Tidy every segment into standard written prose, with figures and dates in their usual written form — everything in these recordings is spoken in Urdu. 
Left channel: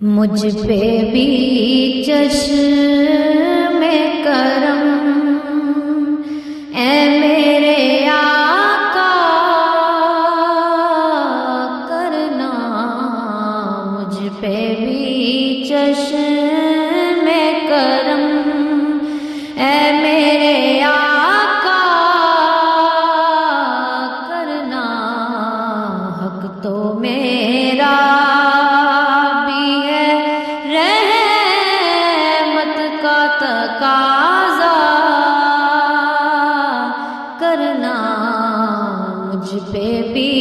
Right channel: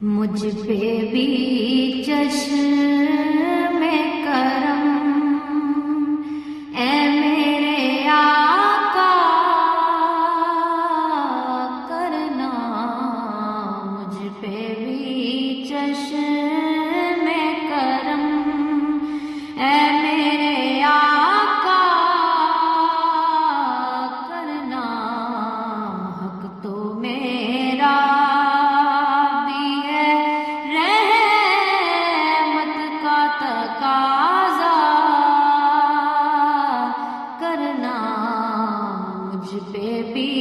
مجھ پہ بھی چشم کرم اے میرے آقا کرنا، مجھ پہ بھی چشم کرم اے میرے آقا کرنا، حق تو میرا تقاضا کرنا، مجھ پہ بھی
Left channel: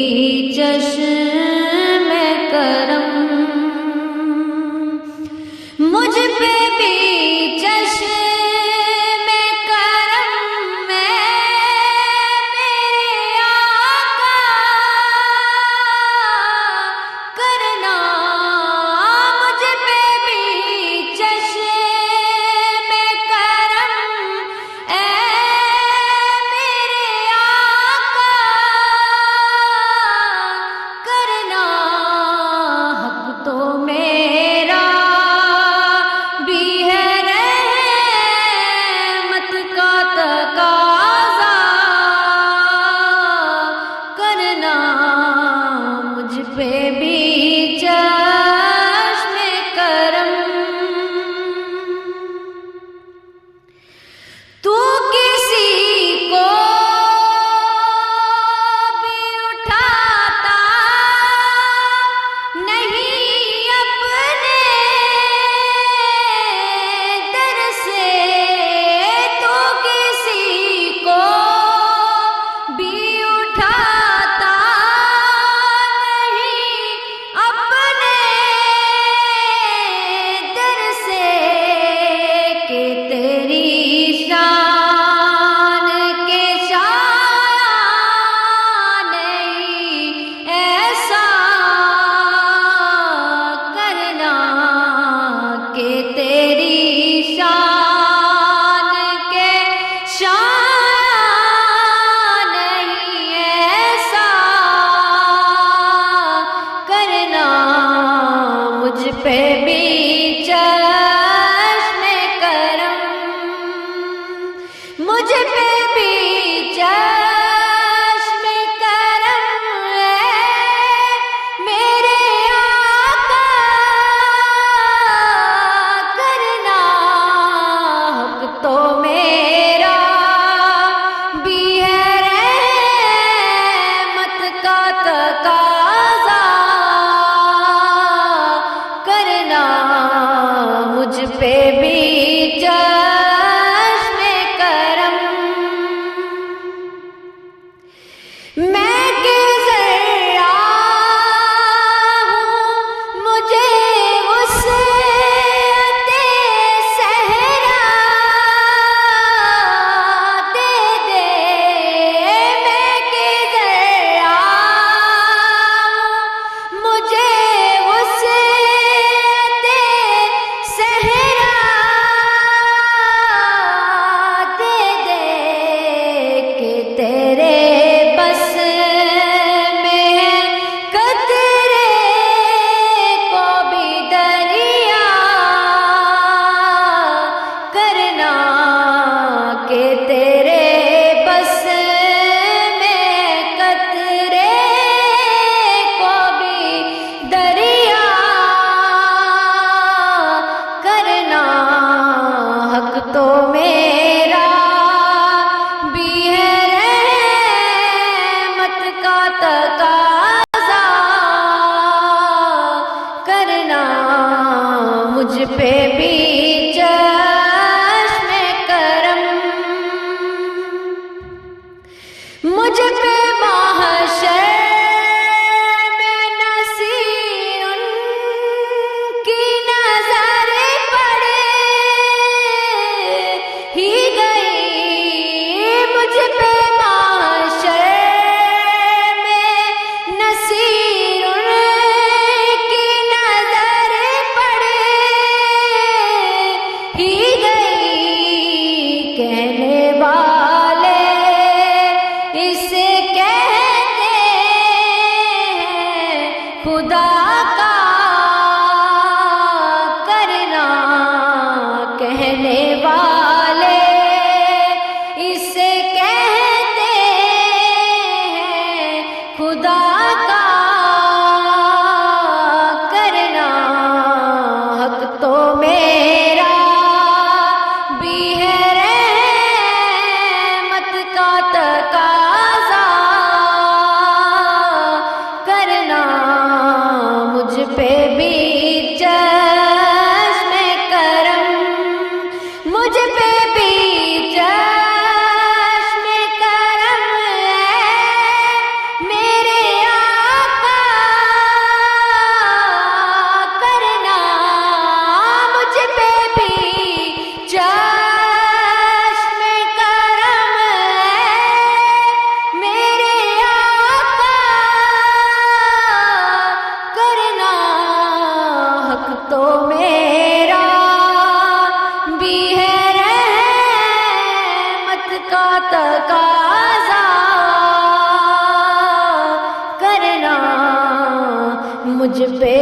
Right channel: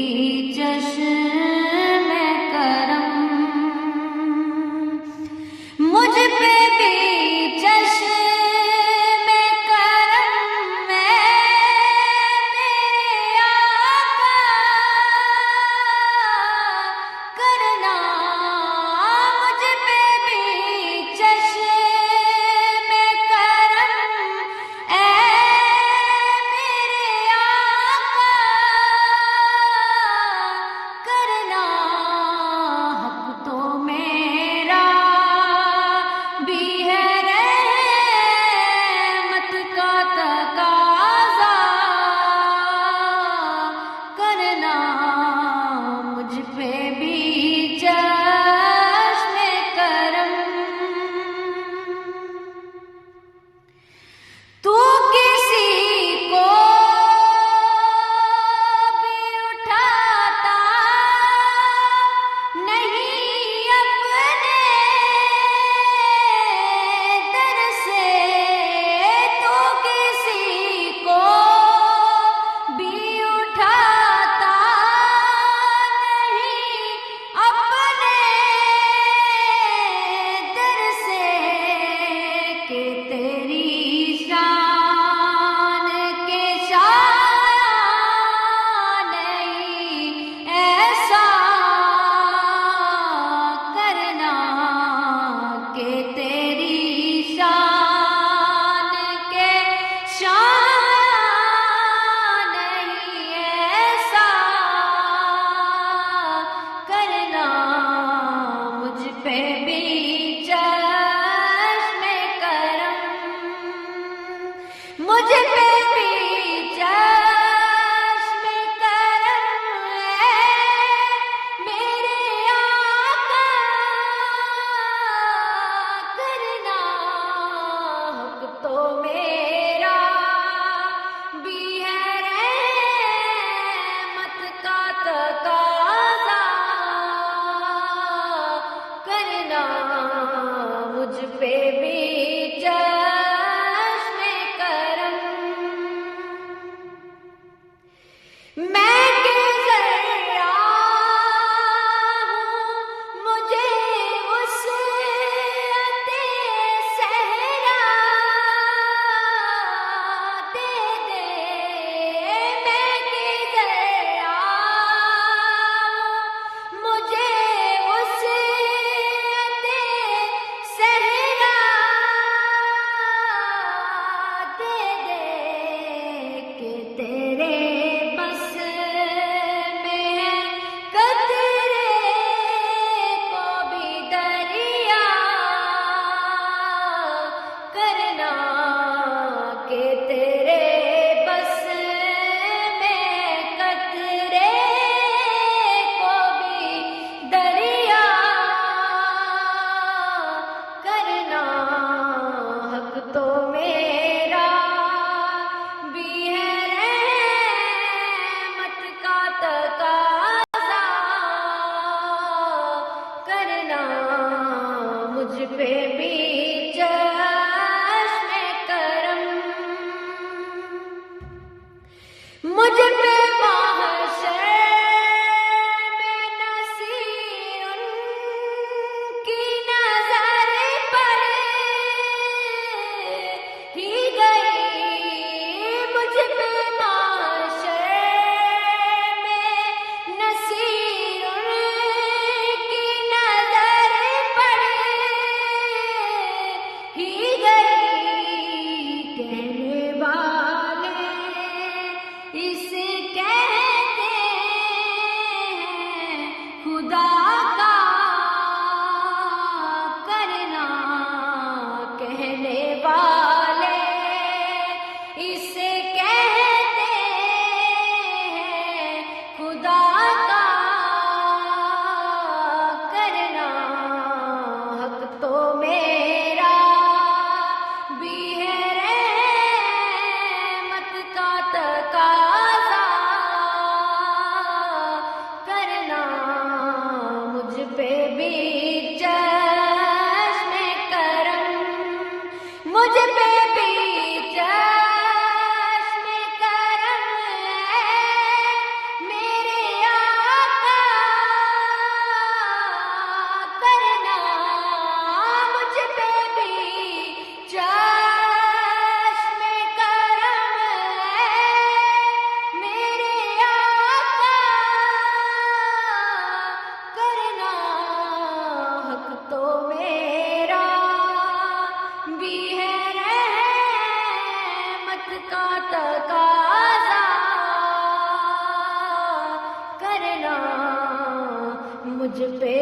چشم کرم، مجھ پہ بھی چشم کرم میرے آقا کرنا، مجھ پہ بھی چشم پہ بھی چشم کرم، مجھ پہ بھی چشم کرم میرے آقا کرنا، حق تو میرا بھی ہے رحمت کا تقاضا کرنا، مجھ پہ بھی چشم کرم، میں کہ ذرا ہوں مجھے وسعت صحرا دے دے، میں کہ ذرا ہوں مجھے تو میرا بھی ہے رحمت کا تقاضا کرنا، مجھ پہ بھی چشم کرم، مجھ پہ محشر میں نصیر کی نظر پڑے ہی گئی، مجھ پہ محشر میں نصیر کی نظر پڑے پہ بھی چشم کرم، مجھ پہ بھی چشم کرم ہے میرے آقا، کرنا مجھ پہ بھی چشم کرم ہے میرے آقا، کرنا حق تو میرا بھی ہے رحمت کا تقاضا، کرنا مجھ پہ